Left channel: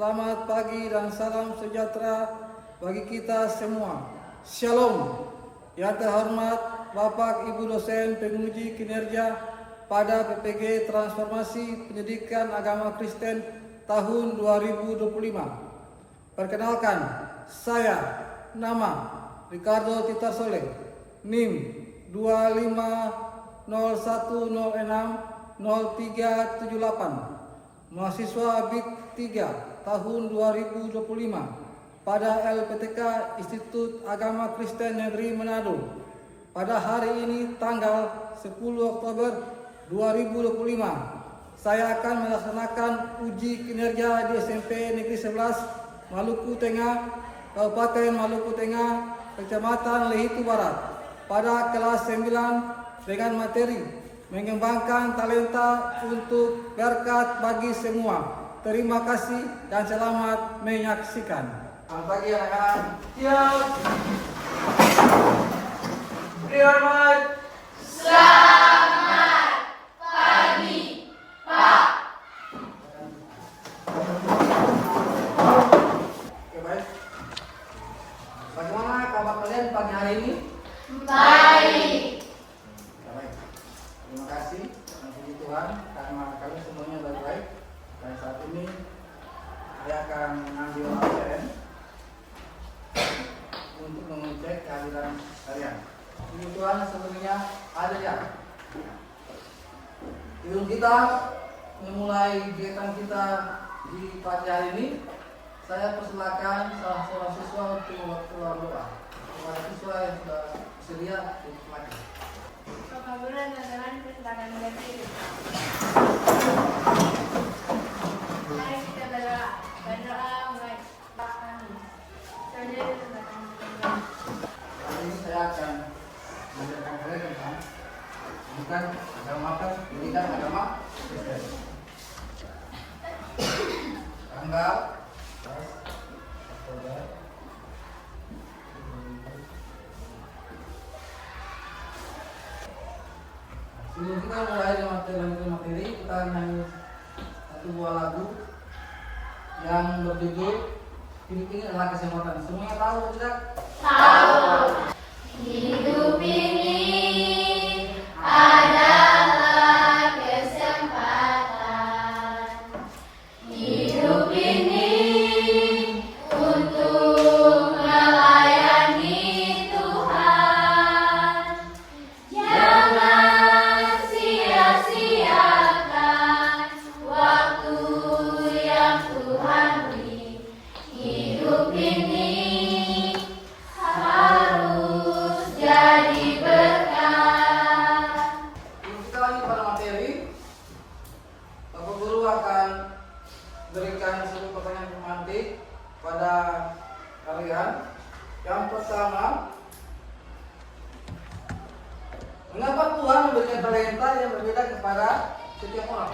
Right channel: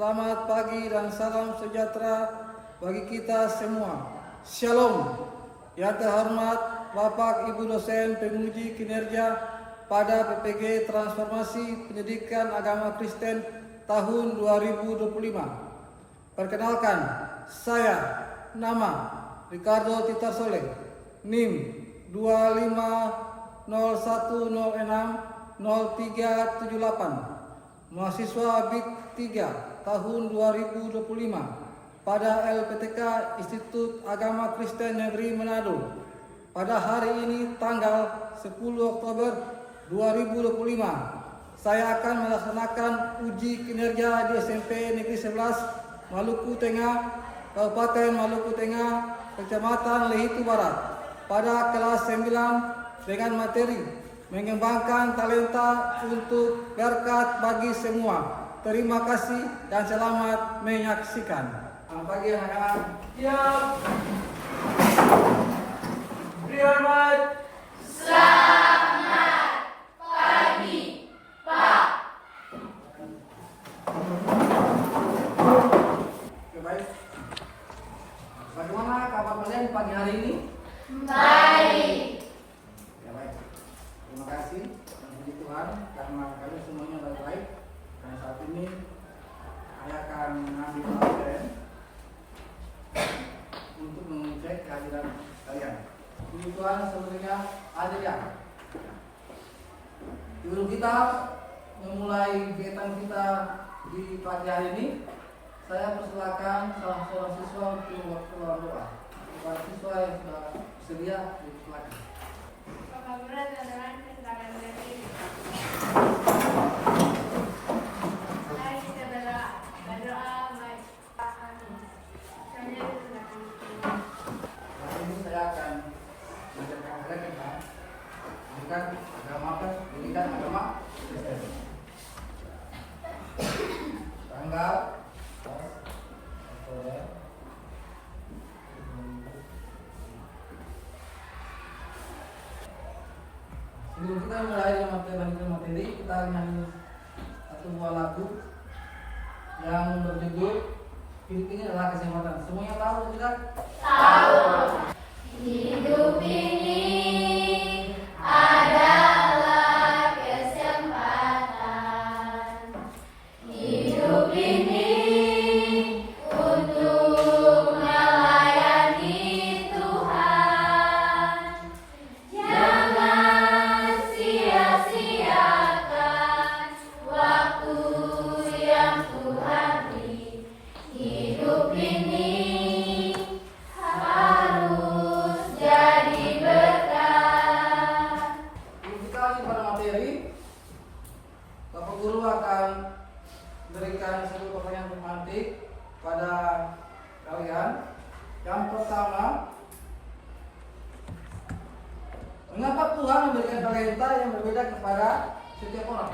Selamat pagi dan salam sejahtera bagi kita semua. Shalom. Yang terhormat Bapak Ibu dosen penguji kinerja pada PPG Transformasi Pendidikan Agama Kristen tahun 2025. Perkenalkan, saya nama Ricardo Tita Soleh, NIM 2501060378, mahasiswa BIT 3 tahun 2025 pada LPTK Institut Agama Kristen Negeri Manado. Pada hari ini tanggal 10 Oktober 2025, saya akan melaksanakan uji kinerja di SMP Negeri 11 Maluku Tengah, Kabupaten Maluku Tengah, Kecamatan Lehitu Barat pada kelas 9 dengan materi mengembangkan talenta untuk berkat bagi semua. Terima kasih dan selamat menyaksikan. Selamat pagi anak-anak. Siap. Selamat. Selamat pagi, Pak. Oke, baik. Bagaimana kabar kalian pagi hari ini? Baik. Ya, baik. Terima kasih puji Tuhan karena kami semuanya baik-baik. Dan saat ini saya akan mengambil absen untuk mengecek kehadiran kalian. Puji Tuhan sebenarnya ada ya. Sebelum kita memulai kegiatan kita di pagi hari ini, saya persilakan salah seorang siswa untuk membaca doa. Para siswa yang sudah bersedia dipersilakan. Apabila dengan tantangan diri. Mari kita berdoa baik. Hari ini saya akan mengajarkan kalian tentang pendidikan agama Kristen. Tanggal 11 Oktober. Sebelum kita mulai dengan materi, kita nyanyi satu buah lagu yang berjudul Hidup Ini Adalah Kesempatan. Semuanya tahu atau tidak? Tahu. Hidup ini adalah kesempatan. Hidup ini untuk melayani Tuhan. Jangan sia-siakan waktu yang Tuhan beri. Hidup ini harus jadi berkah. Sebelum kita lanjut pada materi, Bapak Guru akan berikan satu pertanyaan pemantik pada kalian. Yang pertama, mengapa Tuhan memberikan talenta yang berbeda kepada setiap orang?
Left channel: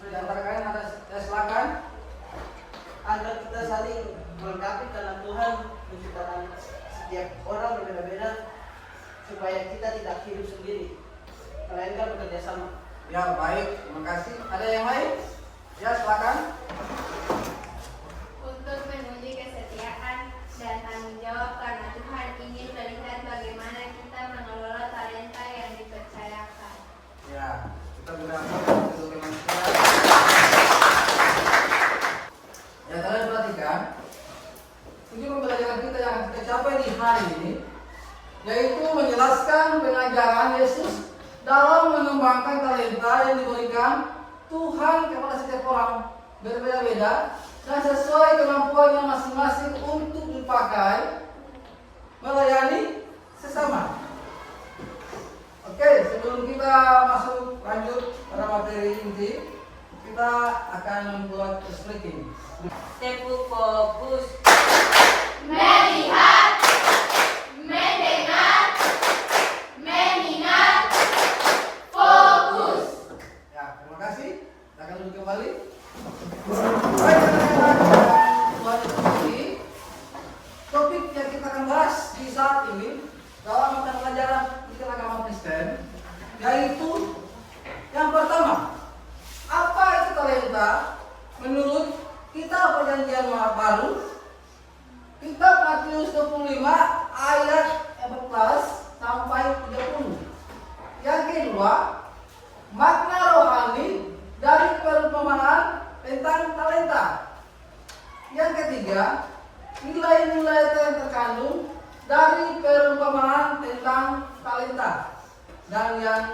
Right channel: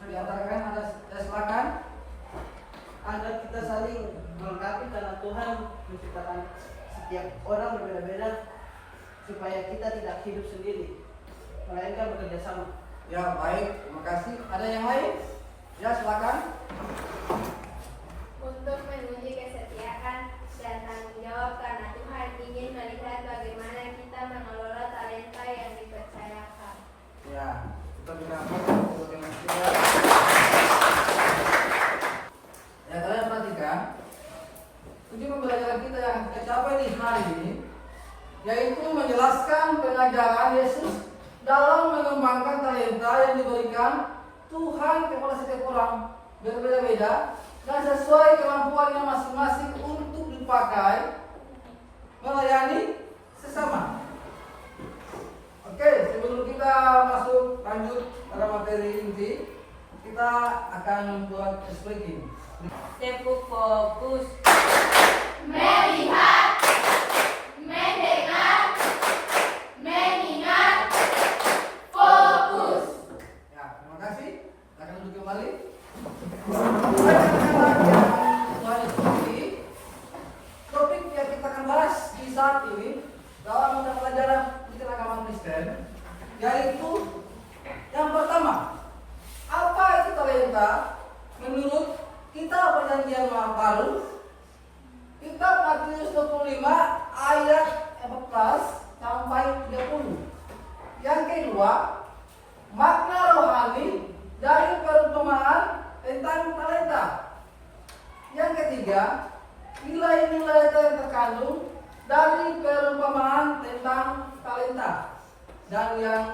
Di antara kalian ada, silakan. Agar kita saling melengkapi karena Tuhan menciptakan setiap orang berbeda-beda supaya kita tidak hidup sendiri melainkan bekerja sama. Ya, baik, terima kasih. Ada yang lain? Ya, silakan. Untuk menguji kesetiaan dan tanggung jawab karena Tuhan ingin melihat bagaimana kita mengelola talenta yang dipercayakan. Ya, kita berarti untuk teman kita. Ya, kalian perhatikan. Tujuan pembelajaran kita yang kita capai di hari ini yaitu menjelaskan pengajaran Yesus dalam mengembangkan talenta yang diberikan Tuhan kepada setiap orang berbeda-beda dan sesuai kemampuannya masing-masing untuk dipakai melayani sesama. Oke, sebelum kita masuk lanjut pada materi inti, kita akan membuat speaking. Tepuk fokus. Melihat, mendengar, mengingat, fokus. Ya, terima kasih. Kita akan duduk kembali. Topik yang kita akan bahas di saat ini dalam mata pelajaran agama Kristen, yaitu yang pertama, apa itu talenta menurut kitab Perjanjian Baru, kitab Matius 25 ayat 14 sampai 30. Yang kedua, makna rohani dari perumpamaan tentang talenta. Yang ketiga, nilai-nilai yang terkandung dari perumpamaan tentang talenta. Dan yang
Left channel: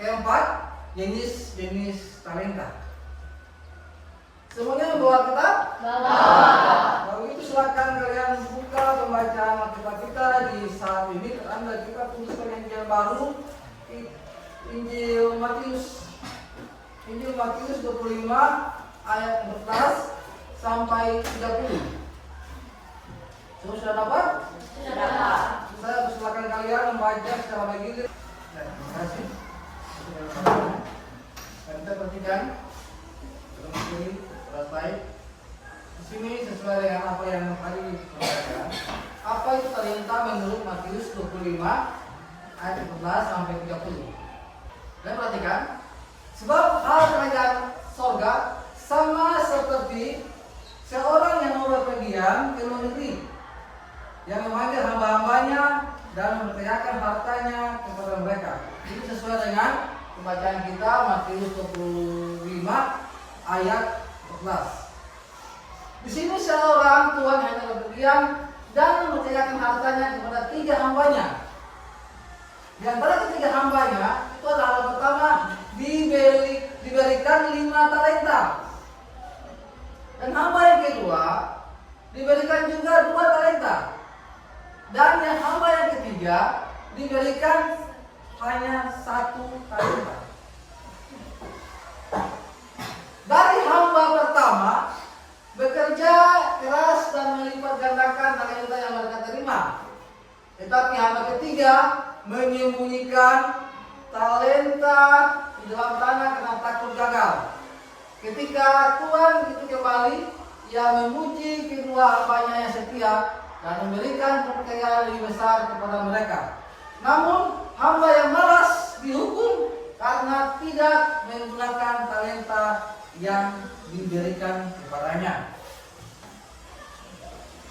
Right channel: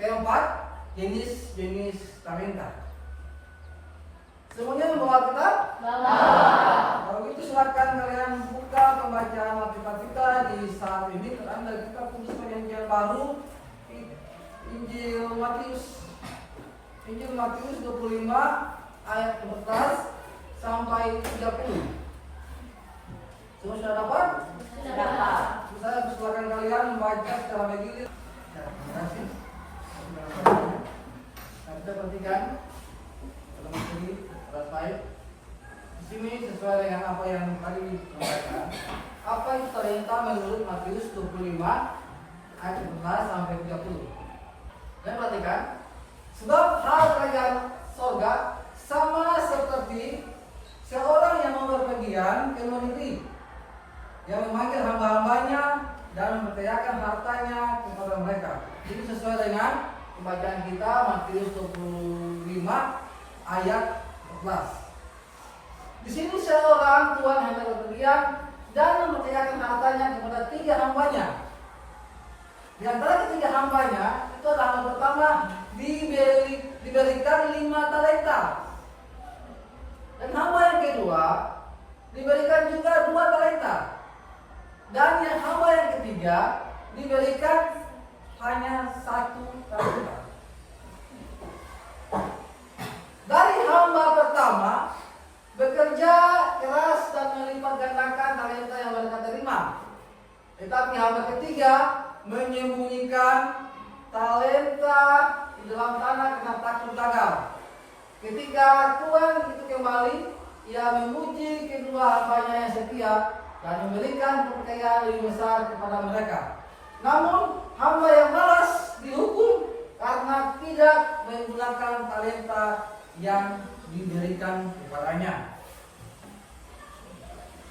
keempat, jenis-jenis talenta. Semuanya membawa kitab? Kalau itu silakan kalian buka pembacaan Alkitab kita di saat ini. Anda kita tulis Perjanjian Baru, Injil Matius 25 ayat 14 sampai 30. Semua sudah dapat? Sudah dapat. Saya persilakan kalian membaca secara bergilir. Terima kasih. Kita perhatikan dalam ini selesai. Di sini sesuai dengan apa yang tadi diperhatikan. Apa itu talenta menurut Matius 25 ayat 14 sampai 30. Dan perhatikan, sebab hal kerajaan sorga sama seperti seorang yang berpergian ke luar negeri, yang memanggil hamba-hambanya dan mempercayakan hartanya kepada mereka. Itu sesuai dengan pembacaan kita Matius 25 ayat 14. Di sini seorang tuan yang berpergian dan mempercayakan hartanya kepada 3 hambanya. Di antara ketiga hambanya itu adalah yang pertama diberikan 5 talenta. Dan hamba yang kedua diberikan juga 2 talenta. Dan yang hamba yang ketiga diberikan hanya 1 talenta. Dari hamba pertama bekerja keras dan melipat gandakan talenta yang mereka terima. Tetapi hamba ketiga menyembunyikan talenta di dalam tanah karena takut gagal. Ketika Tuhan itu kembali, ia memuji kedua hambanya yang setia dan memberikan kepercayaan lebih besar kepada mereka. Namun hamba yang malas dihukum karena tidak menggunakan talenta yang diberikan kepadanya.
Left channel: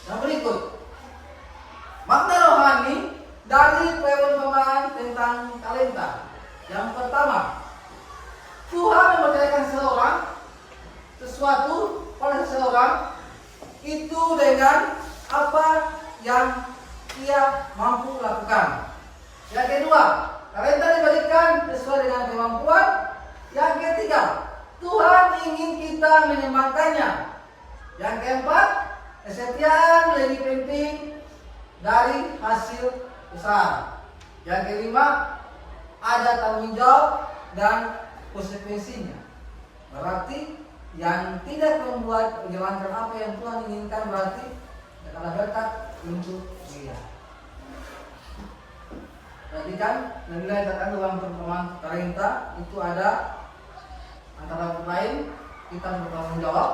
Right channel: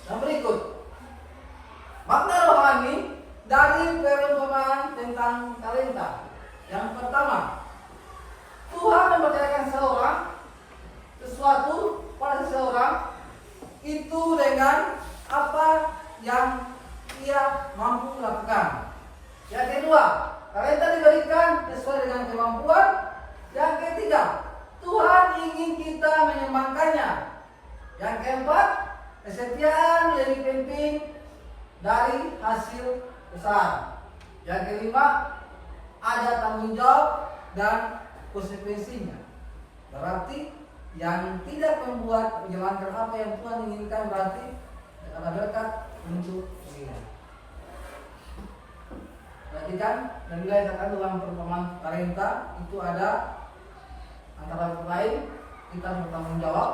Yang berikut, makna rohani dari perumpamaan tentang talenta. Yang pertama, Tuhan mempercayakan sesuatu pada seseorang itu dengan apa yang ia mampu lakukan. Yang kedua, talenta diberikan sesuai dengan kemampuan. Yang ketiga, Tuhan ingin kita mengembangkannya. Yang keempat, kesetiaan lebih penting dari hasil besar. Yang kelima, ada tanggung jawab dan konsekuensinya. Berarti yang tidak membuat menjalankan apa yang Tuhan inginkan berarti adalah berkat untuk dia. Perhatikan, nilai terkandung dalam perumpamaan talenta itu ada antara lain kita bertanggung jawab.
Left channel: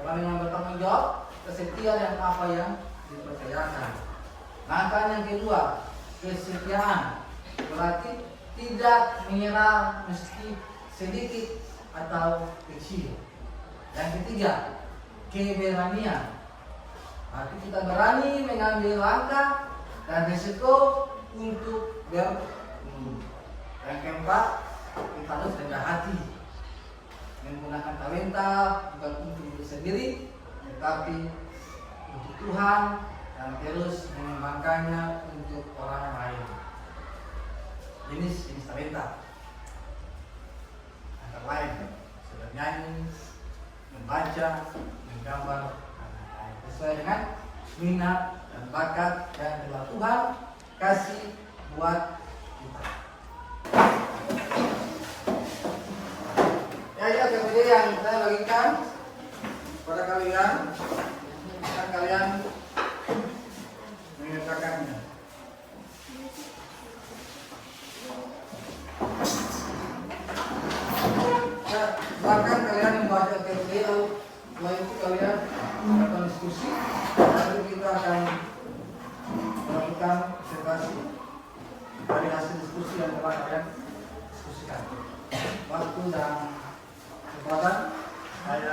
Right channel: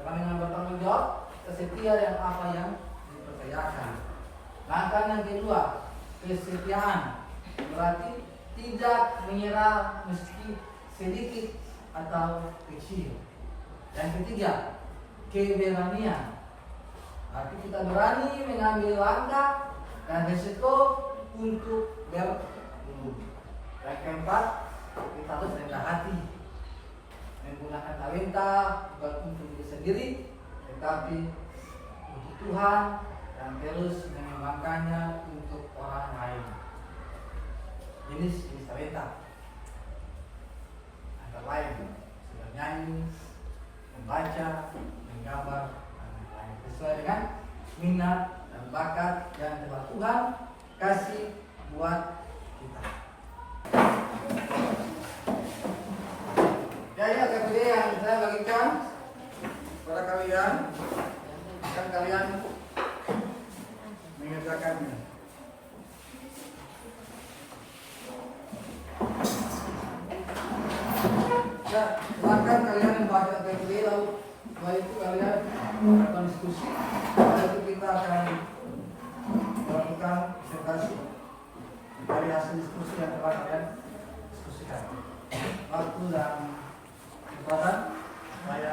Orang yang bertanggung jawab kesetia dan apa yang dipercayakan. Langkah yang kedua, kesetiaan. Berarti tidak menyerah meski sedikit atau kecil. Yang ketiga, keberanian. Berarti kita berani mengambil langkah dan risiko untuk bertumbuh. Yang keempat, kita harus rendah hati. Menggunakan talenta bukan untuk diri sendiri, tetapi untuk Tuhan dan terus mengembangkannya untuk orang lain. Jenis talenta antara lain sudah nyanyi, membaca, menggambar, dan lain-lain sesuai dengan minat dan bakat yang telah Tuhan kasih buat kita. Ya, ini agak video yang saya bagikan kepada kalian dan kalian mengerjakannya. Ya, bahkan kalian membaca PPD lalu setelah itu kalian akan diskusi. Setelah itu kita akan melakukan observasi dari hasil diskusi yang telah kalian diskusikan. Waktu dan kesempatan saya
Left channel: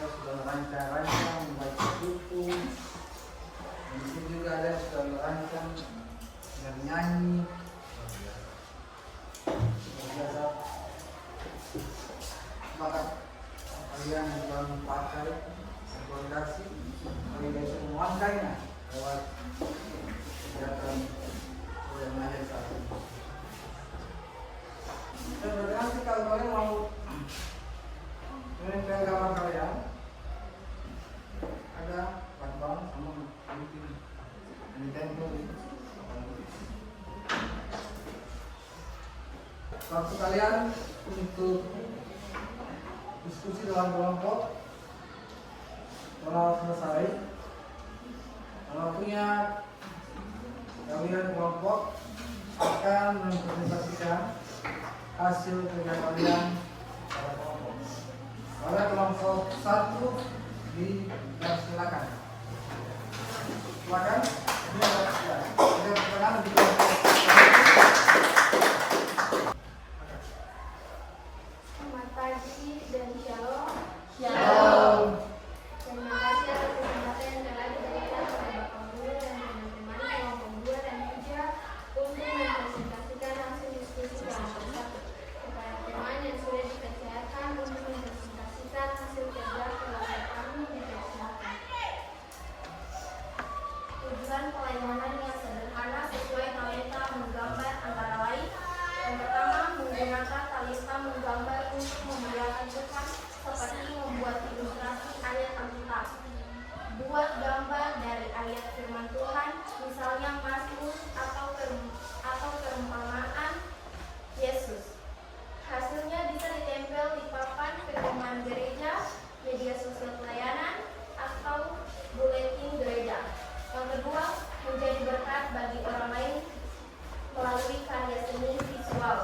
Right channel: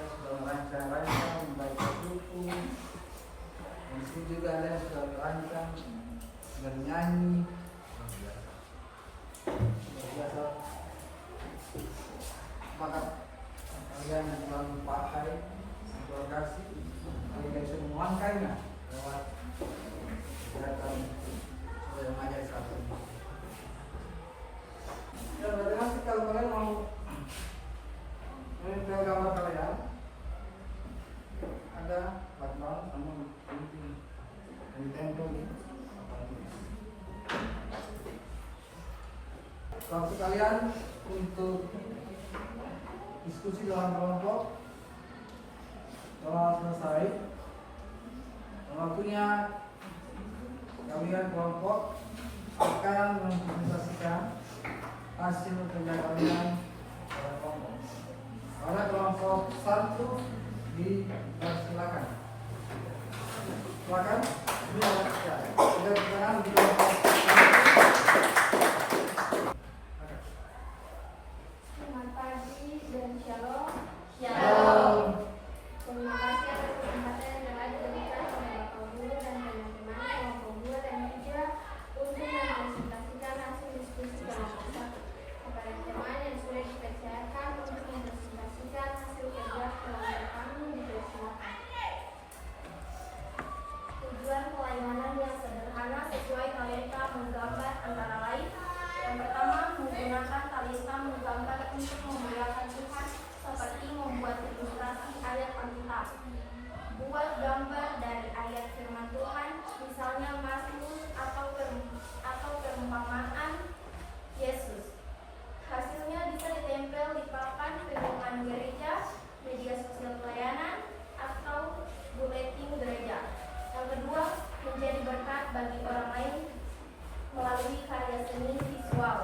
Kita sudah rancang-rancang membuat buku. Di sini juga ada sudah rancang dari nyanyi. Biasa bakat kalian yang pakai komunikasi kami bisa memangkainya lewat kegiatan yang ada saat ini. Dan bagaimana sih kalau kalian mau menempel gambar kalian ada lakban sama penting yang ditempel waktu kalian untuk diskusi dalam kelompok telah selesai dan waktunya kalian kelompok akan mempresentasikan hasil kerja kalian pada kelompok. Pada kelompok 1 dipersilakan. Silakan. Ini ada pertanyaan di kelompok 1. Selamat pagi dan shalom. Shalom. Terima kasih atas kesempatan yang telah diberikan oleh Bapak Guru dan teman-teman kelompok 2 dan 3 untuk mempresentasikan hasil diskusi kelompok 1. Kepada teman yang sudah dipercayakan untuk mempresentasikan hasil kerja kelompok kami dipersilakan. Tujuan pelayanan yang sederhana sesuai talenta menggambar antara lain. Yang pertama, menggunakan talenta menggambar untuk memuliakan Tuhan seperti membuat ilustrasi ayat Alkitab. Buat gambar dari ayat firman Tuhan, misalnya Mazmur atau perumpamaan Yesus. Hasilnya bisa ditempel di papan kedungan gereja, media sosial pelayanan, atau buletin gereja. Yang kedua, menjadi berkat bagi orang lain melalui karya seni visual.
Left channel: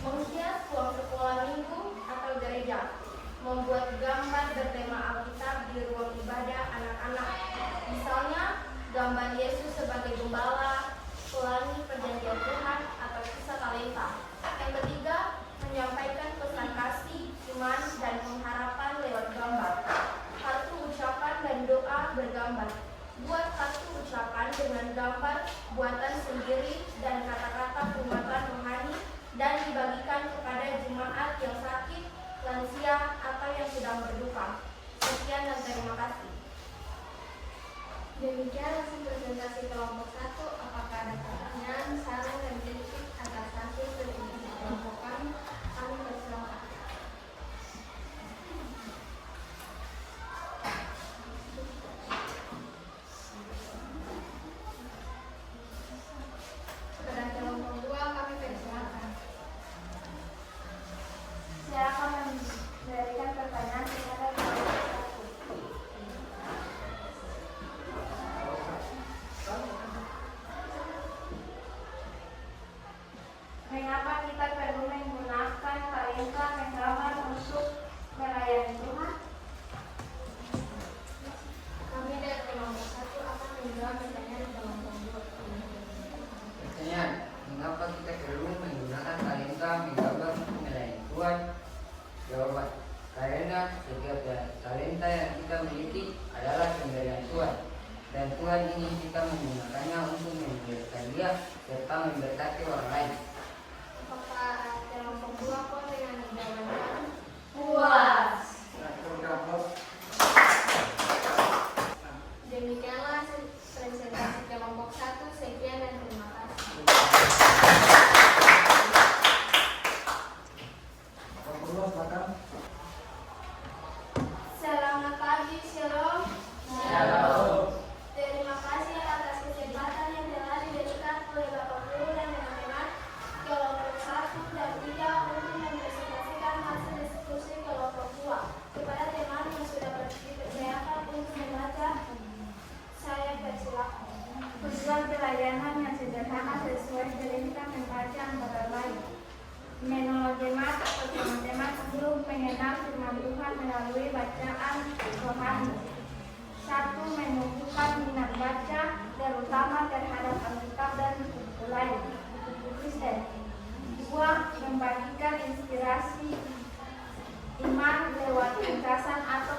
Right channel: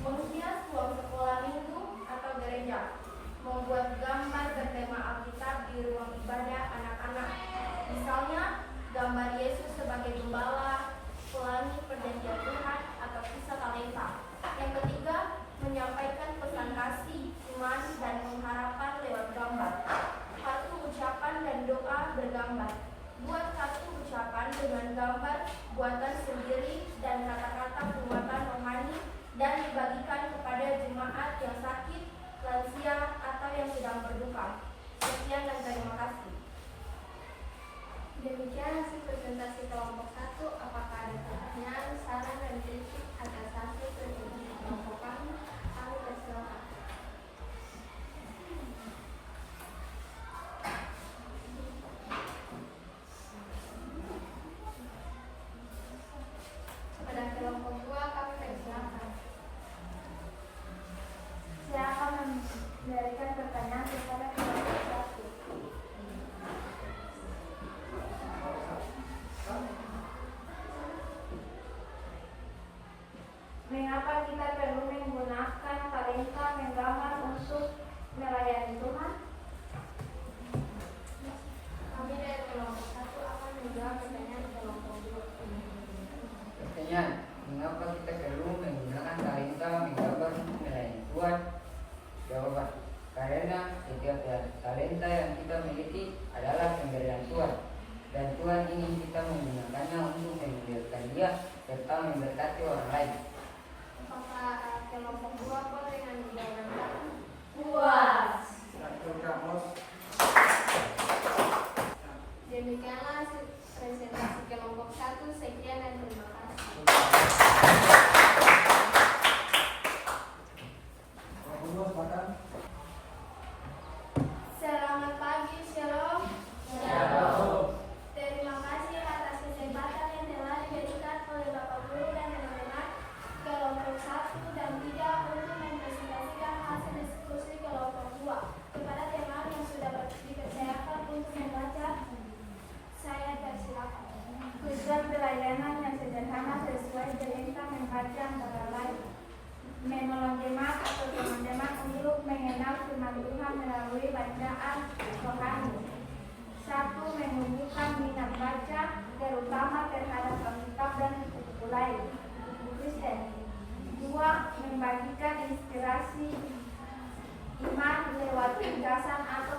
Menghias ruang sekolah minggu atau gereja. Membuat gambar bertema Alkitab di ruang ibadah anak-anak. Misalnya, gambar Yesus sebagai gembala, pelangi perjanjian Tuhan, atau kisah talenta. Yang ketiga, menyampaikan pesan kasih, iman, dan pengharapan lewat gambar. Satu ucapan dan doa bergambar. Buat satu ucapan dengan gambar buatan sendiri dan kata-kata penguatan rohani dan dibagikan kepada jemaat yang sakit, lansia, atau yang sedang berduka. Sekian dan terima kasih. Demikian hasil presentasi kelompok 1. Apakah ada pertanyaan, saran, dan kritik atas hasil presentasi kelompok kami? Kami persilakan. Pada kelompok 2 kami persilakan. Silakan memberikan pertanyaan kepada kelompok 1. Mengapa kita perlu menggunakan talenta menggambar untuk melayani Tuhan? Kami dari kelompok 1 akan menjawab pertanyaan kelompok 2. Pertanyaan, mengapa kita perlu menggunakan talenta menggambar untuk melayani Tuhan? Jawaban, karena setiap talenta yang kita miliki adalah pemberian Tuhan, dan Tuhan ingin kita menggunakannya untuk memuliakan Dia serta memberkati orang lain. Apakah kelompok 2 pun dengan jawaban? Puas. Demikianlah hasil presentasi kelompok 1. Sekian dan terima kasih. Selamat pagi, shalom. Terima kasih atas kesempatan yang telah diberikan oleh Bapak Guru dan teman-teman kelompok 1 dan 3 untuk mempresentasikan hasil diskusi kelompok 2. Kepada teman yang sudah dipercayakan untuk membaca, saya persilakan. Tujuan pelayanan yang sederhana sesuai talenta membaca antara lain. Menolong jemaat atau teman-teman guru mengenal firman Tuhan melalui bacaan rohani. 1. Menumbuhkan minat baca, terutama terhadap Alkitab dan buku lain, buku Kristen. 2. Membagikan inspirasi iman lewat ringkasan atau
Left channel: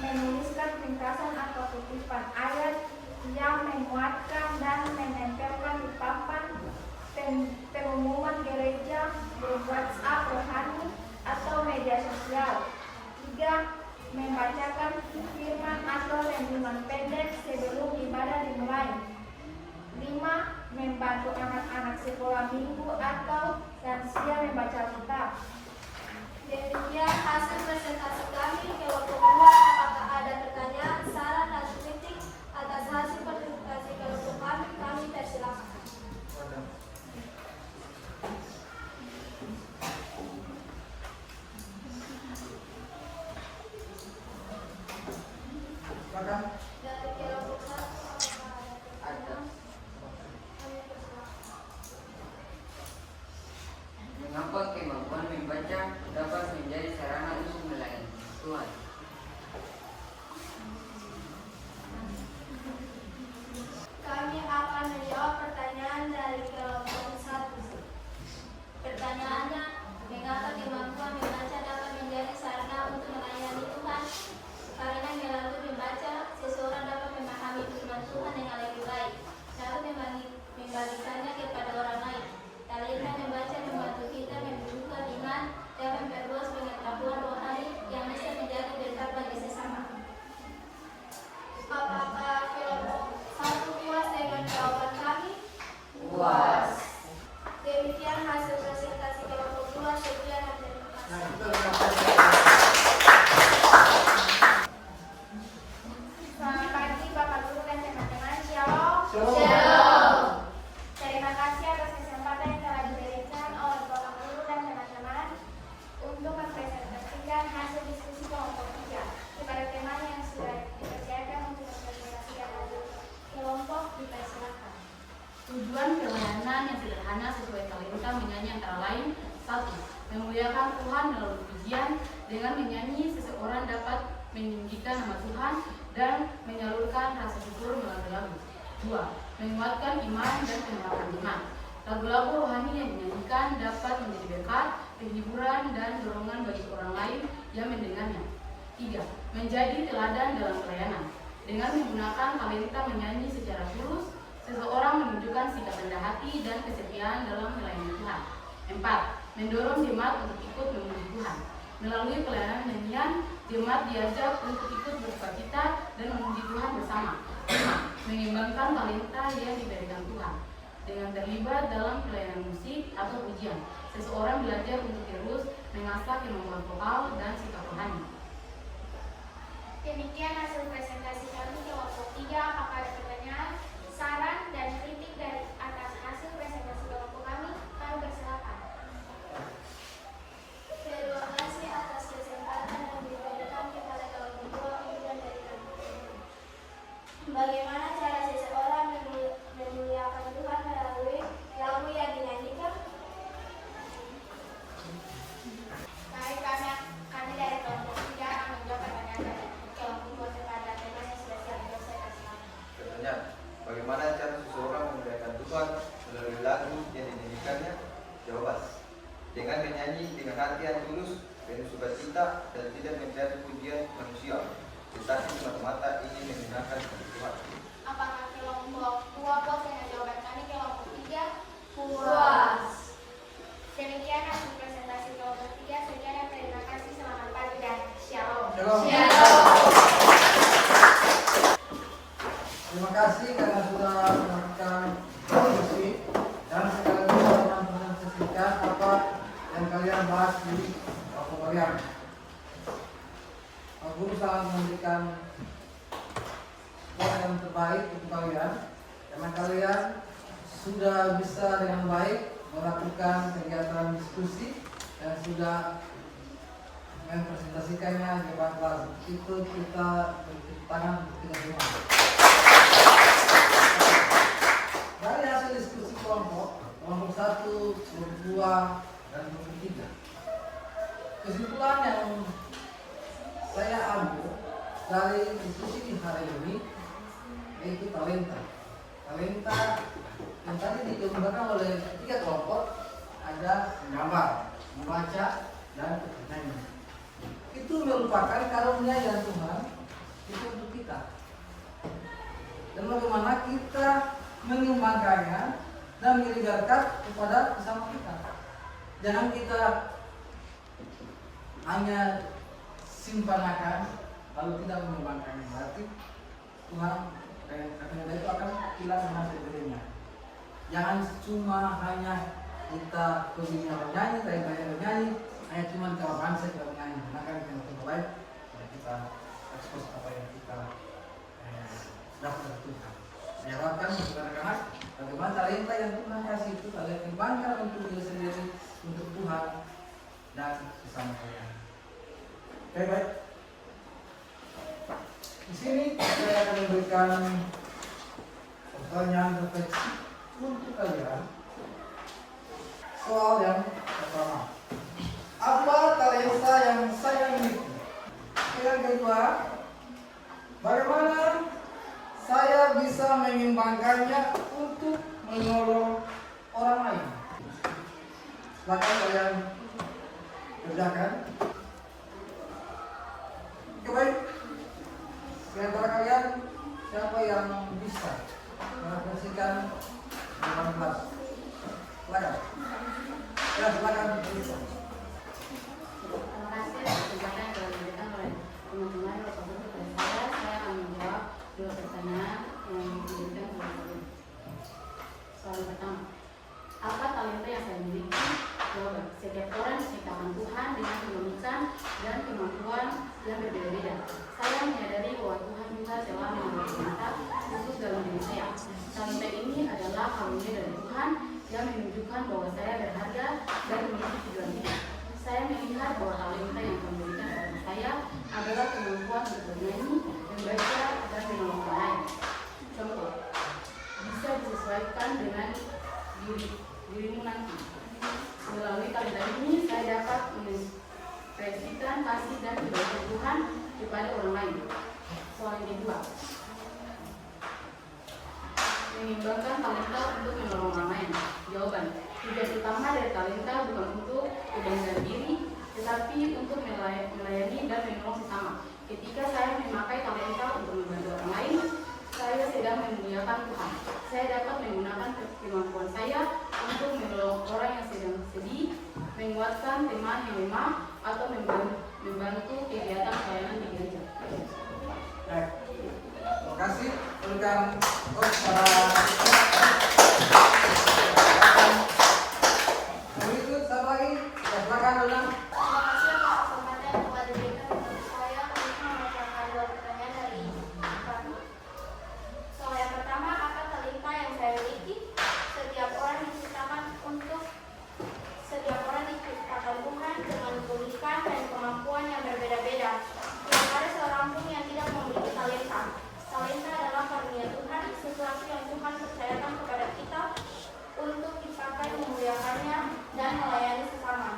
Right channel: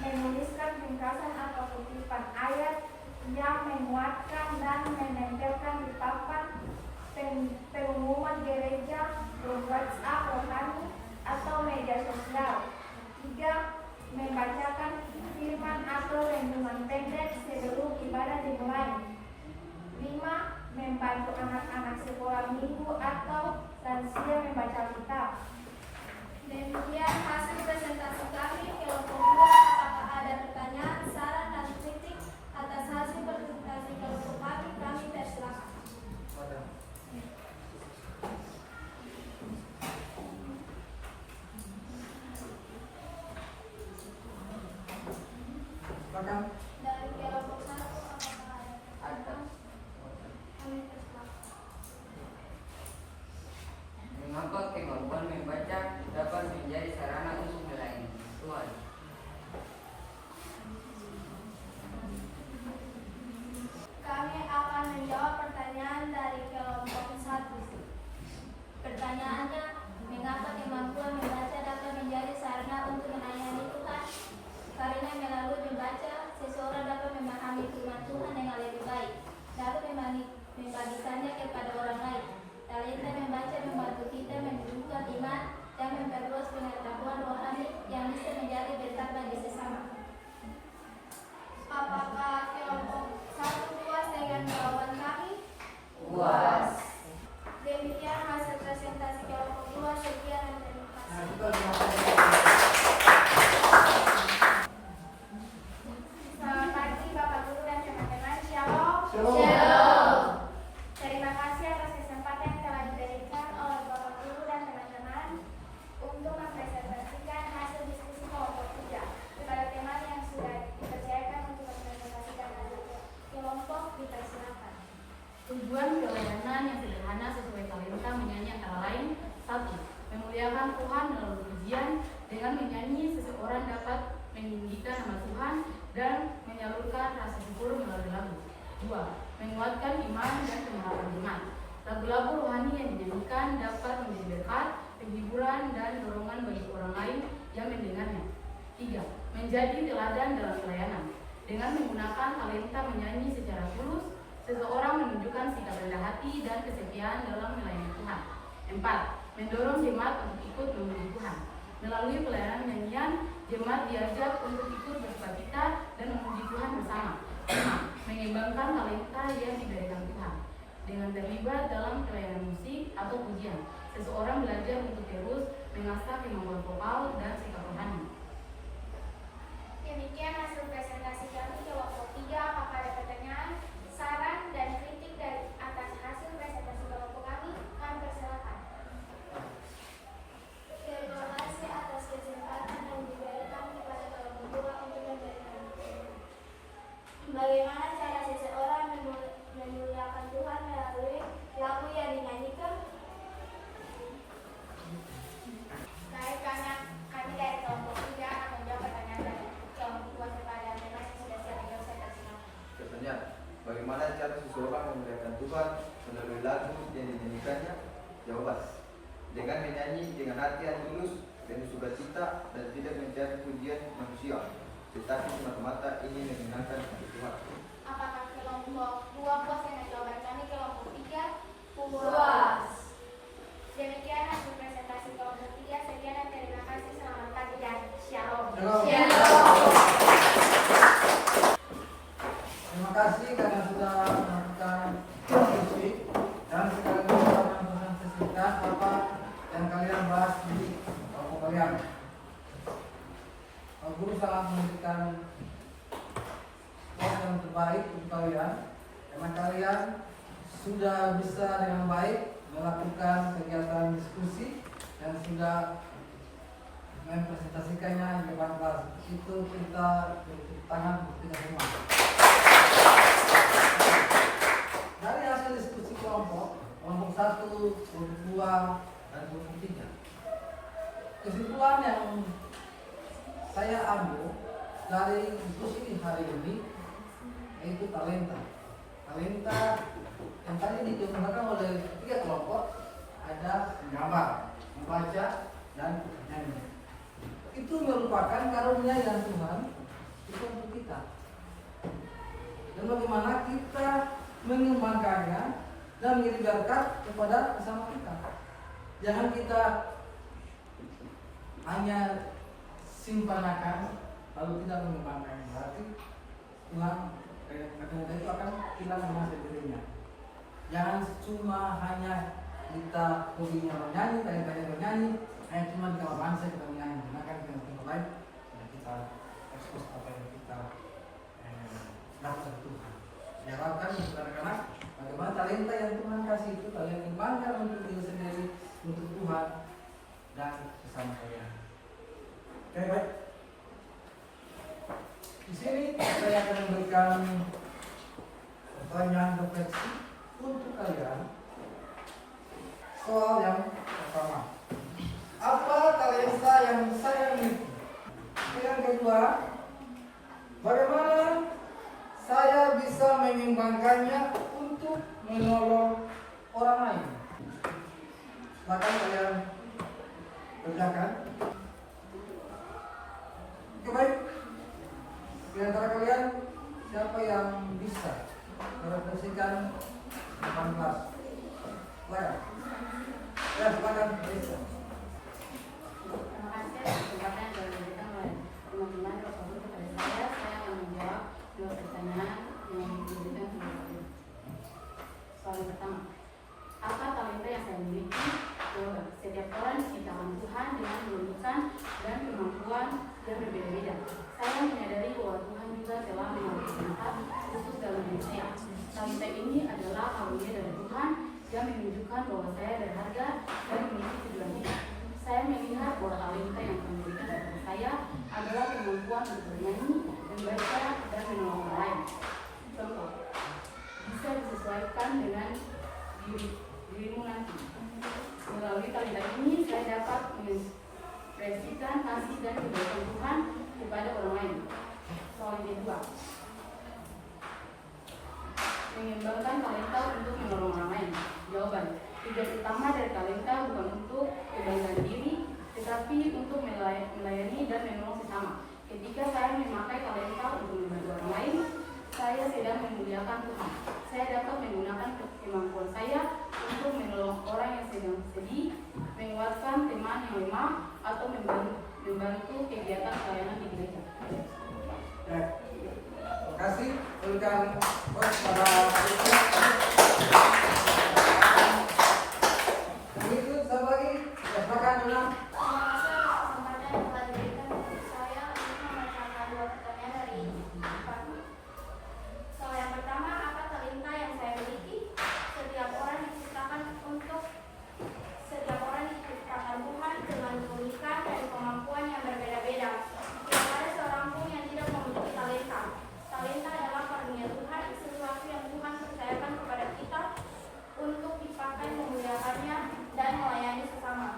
menuliskan ringkasan atau kutipan ayat yang menguatkan dan menempelkan di papan pengumuman gereja, di WhatsApp rohani atau media sosial. 3. Membacakan firman atau renungan pendek sebelum ibadah dimulai. 5. Membantu anak-anak sekolah minggu atau lansia membaca kitab. Demikian hasil presentasi kami kelompok 2. Apakah ada pertanyaan, saran, atau kritik atas hasil presentasi kelompok kami? Kami persilakan. Silakan. Dari kelompok 1, apakah ada pertanyaan? Kami persilakan. Mengapa kemampuan membaca dapat menjadi sarana untuk melayani Tuhan? Kami akan menjawab pertanyaan dari kelompok 1. Pertanyaannya, mengapa kemampuan membaca dapat menjadi sarana untuk melayani Tuhan? Karena melalui membaca, seseorang dapat memahami firman Tuhan dengan lebih baik, lalu membagikannya kepada orang lain. Talenta membaca membantu kita menumbuhkan iman dan memperluas pengetahuan rohani yang bisa menjadi berkat bagi sesama. Apakah kelompok 1 puas dengan jawaban kami? Puas. Demikian hasil presentasi kelompok 2. Sekian dan terima kasih. Nah, kita berangkat. Selamat pagi Bapak Guru dan teman-teman. Shalom. Shalom. Terima kasih atas kesempatan yang telah diberikan oleh Bapak Guru dan teman-teman untuk mempresentasikan hasil diskusi kelompok 3 kepada teman yang sudah dipercayakan untuk mempresentasikan hasil kelompok dipersilakan. Tujuan pelayanan yang sederhana sesuai talenta menyanyi antara lain: 1. Memuliakan Tuhan melalui pujian. Dengan menyanyi, seseorang dapat meninggikan nama Tuhan dan menyalurkan rasa syukur melalui lagu. 2. Menguatkan iman dan pengharapan jemaat. Lagu-lagu rohani yang dinyanyikan dapat menjadi berkat, penghiburan, dan dorongan bagi orang lain yang mendengarnya. 3. Menjadi teladan dalam pelayanan. Dengan menggunakan talenta menyanyi secara tulus, seseorang menunjukkan sikap rendah hati dan kesetiaan dalam melayani Tuhan. 4. Mendorong jemaat untuk ikut memuji Tuhan. Melalui pelayanan nyanyian, jemaat diajak untuk ikut bersukacita dan memuji Tuhan bersama. 5. Mengembangkan talenta yang diberikan Tuhan. Dengan terlibat dalam pelayanan musik atau pujian, seseorang belajar untuk terus mengasah kemampuan vokal dan sikap rohani. Demikian hasil presentasi kami kelompok 3. Apakah ada pertanyaan, saran, dan kritik dari atas hasil presentasi kelompok kami? Kami persilakan. Terima kasih atas kesempatan yang diberikan kepada kelompok 2 untuk memberikan materi. Bagaimana cara seseorang memuliakan Tuhan melalui lagu yang dinyanyikan? Baik, kami dari kelompok 3 akan menjawab pertanyaan dari kelompok 2 kepada teman yang sudah siap dipresentasikan. Pertanyaan, bagaimana cara seseorang memuliakan Tuhan melalui lagu yang dinyanyikannya? Jawaban, dengan menyanyi dengan hati yang tulus, penuh sukacita dan tidak mencari pujian manusia, tetapi semata-mata ingin menyenangkan hati Tuhan. Apakah kelompok 2 puas dengan jawaban kami kelompok 3? Puas. Demikian hasil presentasi kelompok 3. Sekian dan terima kasih. Selamat pagi dan shalom. Shalom. Terima kasih karena sudah melakukan diskusi dan sekaligus saya mempresentasikan apa yang kalian bahas di kelompok kalian. Pak Guru sangat memberikan poin yang terbaik untuk kalian karena kalian sudah bisa dengan baik melakukan kegiatan diskusi dan sudah mempresentasikannya di depan kelas. Itu kita beri tangan untuk kita semua. Dari hasil diskusi kelompok 1, kelompok 2, dan kelompok 3, kesimpulan yang saya ambil dari diskusi hari ini yaitu talenta. Talenta yang tadi dikemukakan oleh 3 kelompok ada menggambar, membaca, dan menyanyi. Itu merupakan karunia yang Tuhan bagaimana kita menyumbangkannya dan menjadi berkat kepada sesama kita. Jangan kita hanya simpankan lalu tidak menyumbangkannya, berarti Tuhan itu akan hilang dengan sendirinya. Jangan cuma hanya kita hobinya bernyanyi, tanya-tanya bernyanyi, hanya cuma kita bangsa kita bernyanyi. Karena kan kita baik, kita ekspos apa yang kita dapat Tuhan. Diharapkan anak-anak bagaimana talenta yang Tuhan kasih itu kalian dibanggakan untuk diri sendiri, untuk Tuhan dan sesama kalian. Oke, baik. Di sini saya akan memberikan pertanyaan refleksi untuk kalian. Soal yang pertama, apa talenta yang saya miliki? Yang kedua, bagaimana saya bisa menyumbangkannya untuk menolong orang lain? Silakan kalian kerjakan. Oke, baik. Di antara kalian siapa yang bisa merefleksikan dengan kelas? Silakan. Ya, silakan. Terima kasih atas penjelasan yang diberikan oleh teman-teman tersebut kepada saya. Saya akan menjawab dua pertanyaan yang diberikan kepada saya. Soal pertama, apa talenta yang saya miliki? Jawaban, setiap orang diciptakan Tuhan dengan keunikan dan kemampuan yang berbeda-beda. Saya menyadari bahwa Tuhan juga telah memberi talenta khusus dalam diri saya. Talenta ini adalah karunia dari Tuhan yang menunjukkan bahwa saya berharga dan memiliki tujuan hidup. Saya melihat bahwa talenta yang Tuhan berikan kepada saya adalah kemampuan untuk bernyanyi, membaca, dan menolong orang lain. Contoh, bisa disesuaikan dengan dirimu nanti. Melalui talenta ini, saya dapat mengekspresikan kasih dan kebaikan Tuhan kepada orang lain. Soal yang kedua, mengembangkan talenta untuk menolong orang lain. Jawaban, tugas utama dari talenta bukan untuk kebanggaan diri, tetapi untuk melayani dan menolong sesama. Ketika saya memakai talenta untuk membantu orang lain, saya sedang memuliakan Tuhan. Saya dapat menggunakan kemampuan saya untuk menolong orang yang sedang sedih, menguatkan teman yang lemah, atau membantu kegiatan pelayanan di gereja. Baik. Terima kasih. Berikan begitu satu lagi. Ya, silakan Luna. Terima kasih atas kesempatan yang telah diberikan untuk saya untuk membacakan dua pertanyaan dari kami. Soal yang pertama, apa talenta yang saya miliki? Setiap orang diciptakan Tuhan dengan keunikan dan kemampuan yang berbeda-beda. Tidak ada seorang pun yang tidak memiliki talenta. Talenta adalah karunia Tuhan, sesuatu yang Tuhan percayakan kepada kita untuk dipakai memuliakannya dan melayani sesama.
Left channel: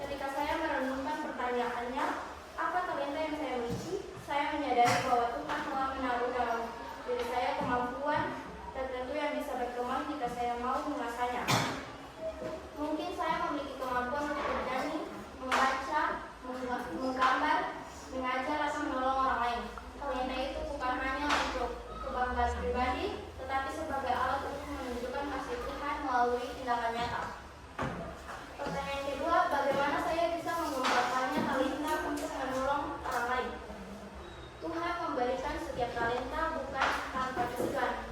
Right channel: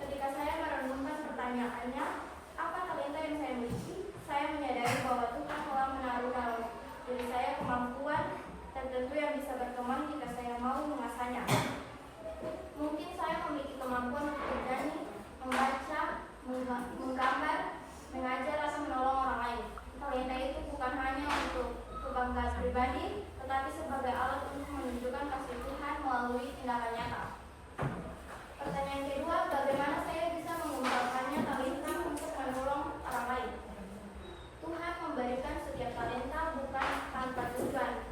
Ketika saya merenungkan pertanyaannya, apa talenta yang saya miliki? Saya menyadari bahwa Tuhan telah menaruh dalam diri saya kemampuan tertentu yang bisa berkembang jika saya mau mengasahnya. Mungkin saya memiliki kemampuan untuk bernyanyi, membaca, menggambar, mengajar, atau menolong orang lain. Talenta itu bukan hanya untuk kebanggaan pribadi, tetapi sebagai alat untuk menunjukkan kasih Tuhan melalui tindakan nyata. Pertanyaan kedua, bagaimana saya bisa menggunakannya talenta untuk menolong orang lain? Tuhan memberikan setiap talenta bukan tanpa tujuan.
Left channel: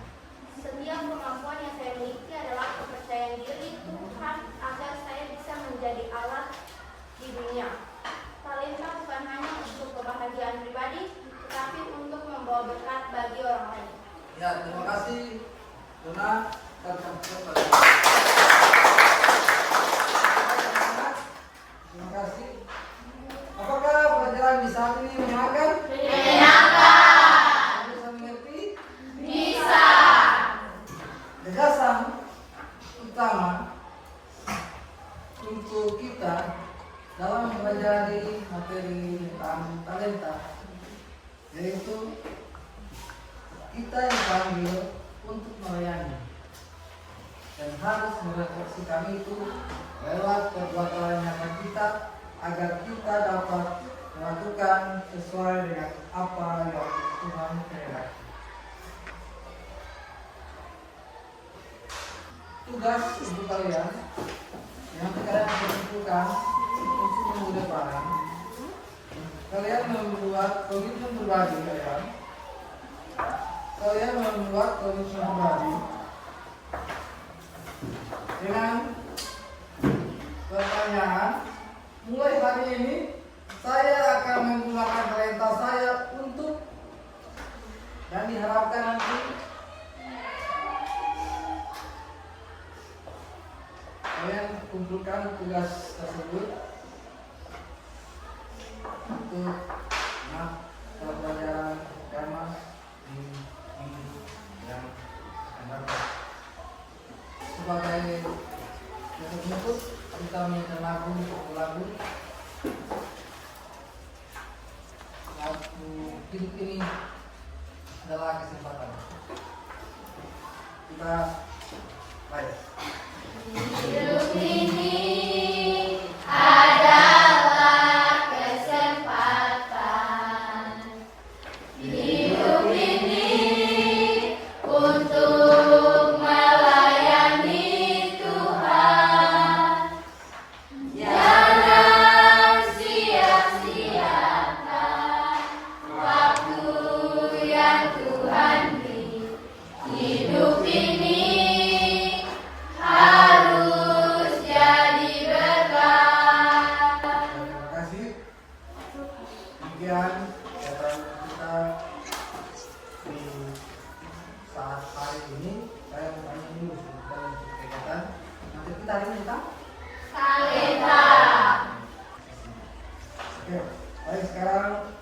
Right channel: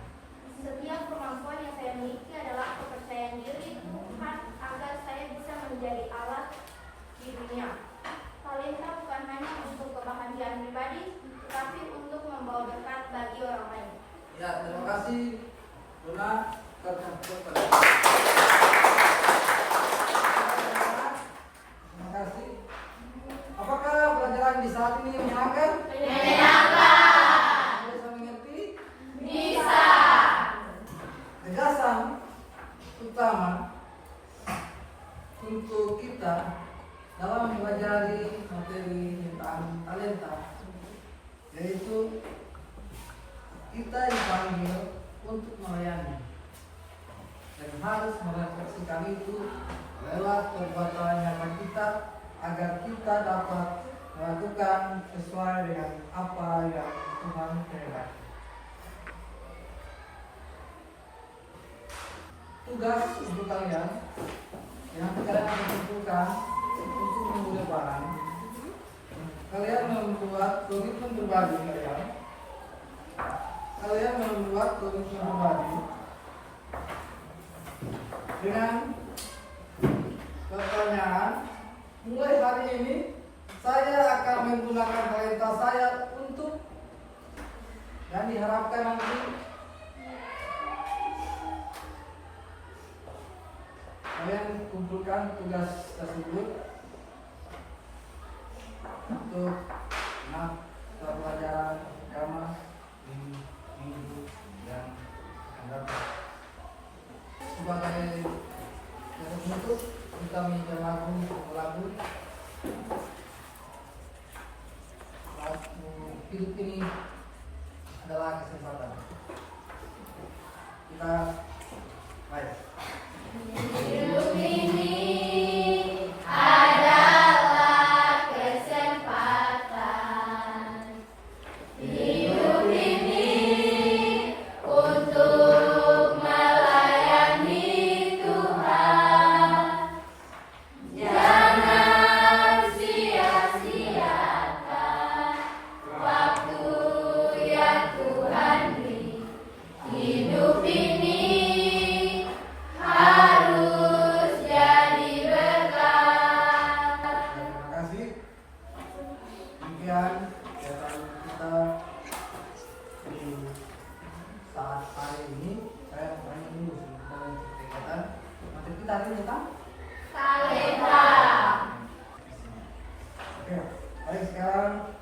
Setiap kemampuan yang saya miliki adalah kepercayaan diri Tuhan agar saya bisa menjadi alat di dunia. Talenta bukan hanya untuk kebahagiaan pribadi, tetapi untuk membawa berkat bagi orang lain. Ya, terima kasih Luna. Terima kasih. Apakah pelajaran di saat ini menyenangkan? Menyenangkan. Bisa mengerti? Bisa. Gagasan utama untuk kita dalam mempelajari materi tentang talenta yaitu kita dipanggil untuk melayani dan harus melayani tugas untuk kalian yang sekarang ditentukan untuk minggu depan. Kalian membuat komitmen berbagi kalian. Kalian membuat komitmen berbagi dengan pertanyaan. Mulai hari ini saya akan menggunakan talenta saya untuk, dan diharapkan nanti kalian kumpulkan tugas tersebut untuk pelajaran pertama di minggu yang akan datang. Sebagai penutup, kita minta lagu. Hidup ini adalah kesempatan. Kita baik. Hidup ini adalah kesempatan. Hidup ini untuk melayani Tuhan. Jangan sia-siakan waktu yang Tuhan beri. Hidup ini harus jadi berkah. Terima kasih. Demikian kegiatan kita di saat hari ini. Saya banyak dulu dan kegiatan. Nanti kita hari ini tentang Talenta. Oke, baik, sekarang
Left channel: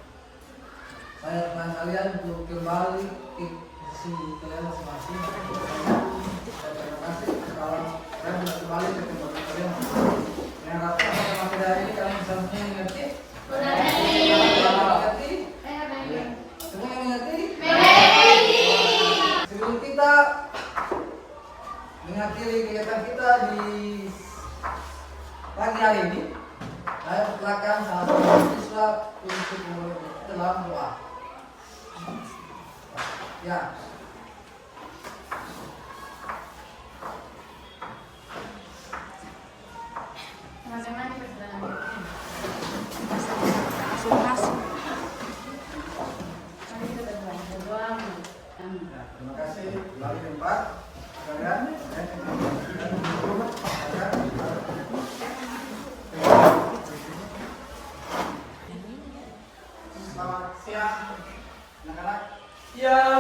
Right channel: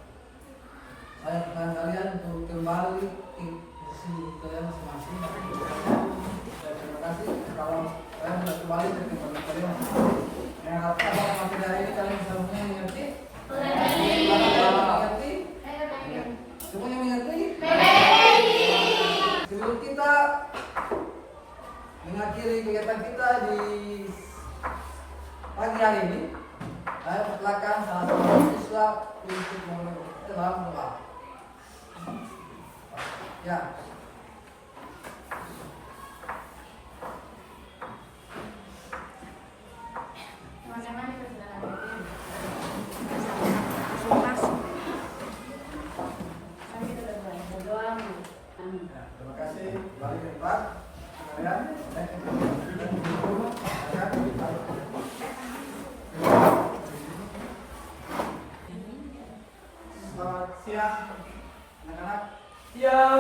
saya teman kalian untuk kembali ke posisi kalian masing-masing. Terima kasih. Kalau saya sudah kembali ke tempat kalian, yang harapkan selama tidak ini kalian bisa mengerti. Mengerti? Semua yang mengerti? Sebelum kita mengakhiri kegiatan kita di pagi hari ini, saya persilakan salah satu siswa untuk dalam doa. Ya. Teman-teman kita sudah lanjut. Mari kita berdoa. Terima kasih. Kembali ke tempat kalian. Selamat siang, anak-anak. Ya.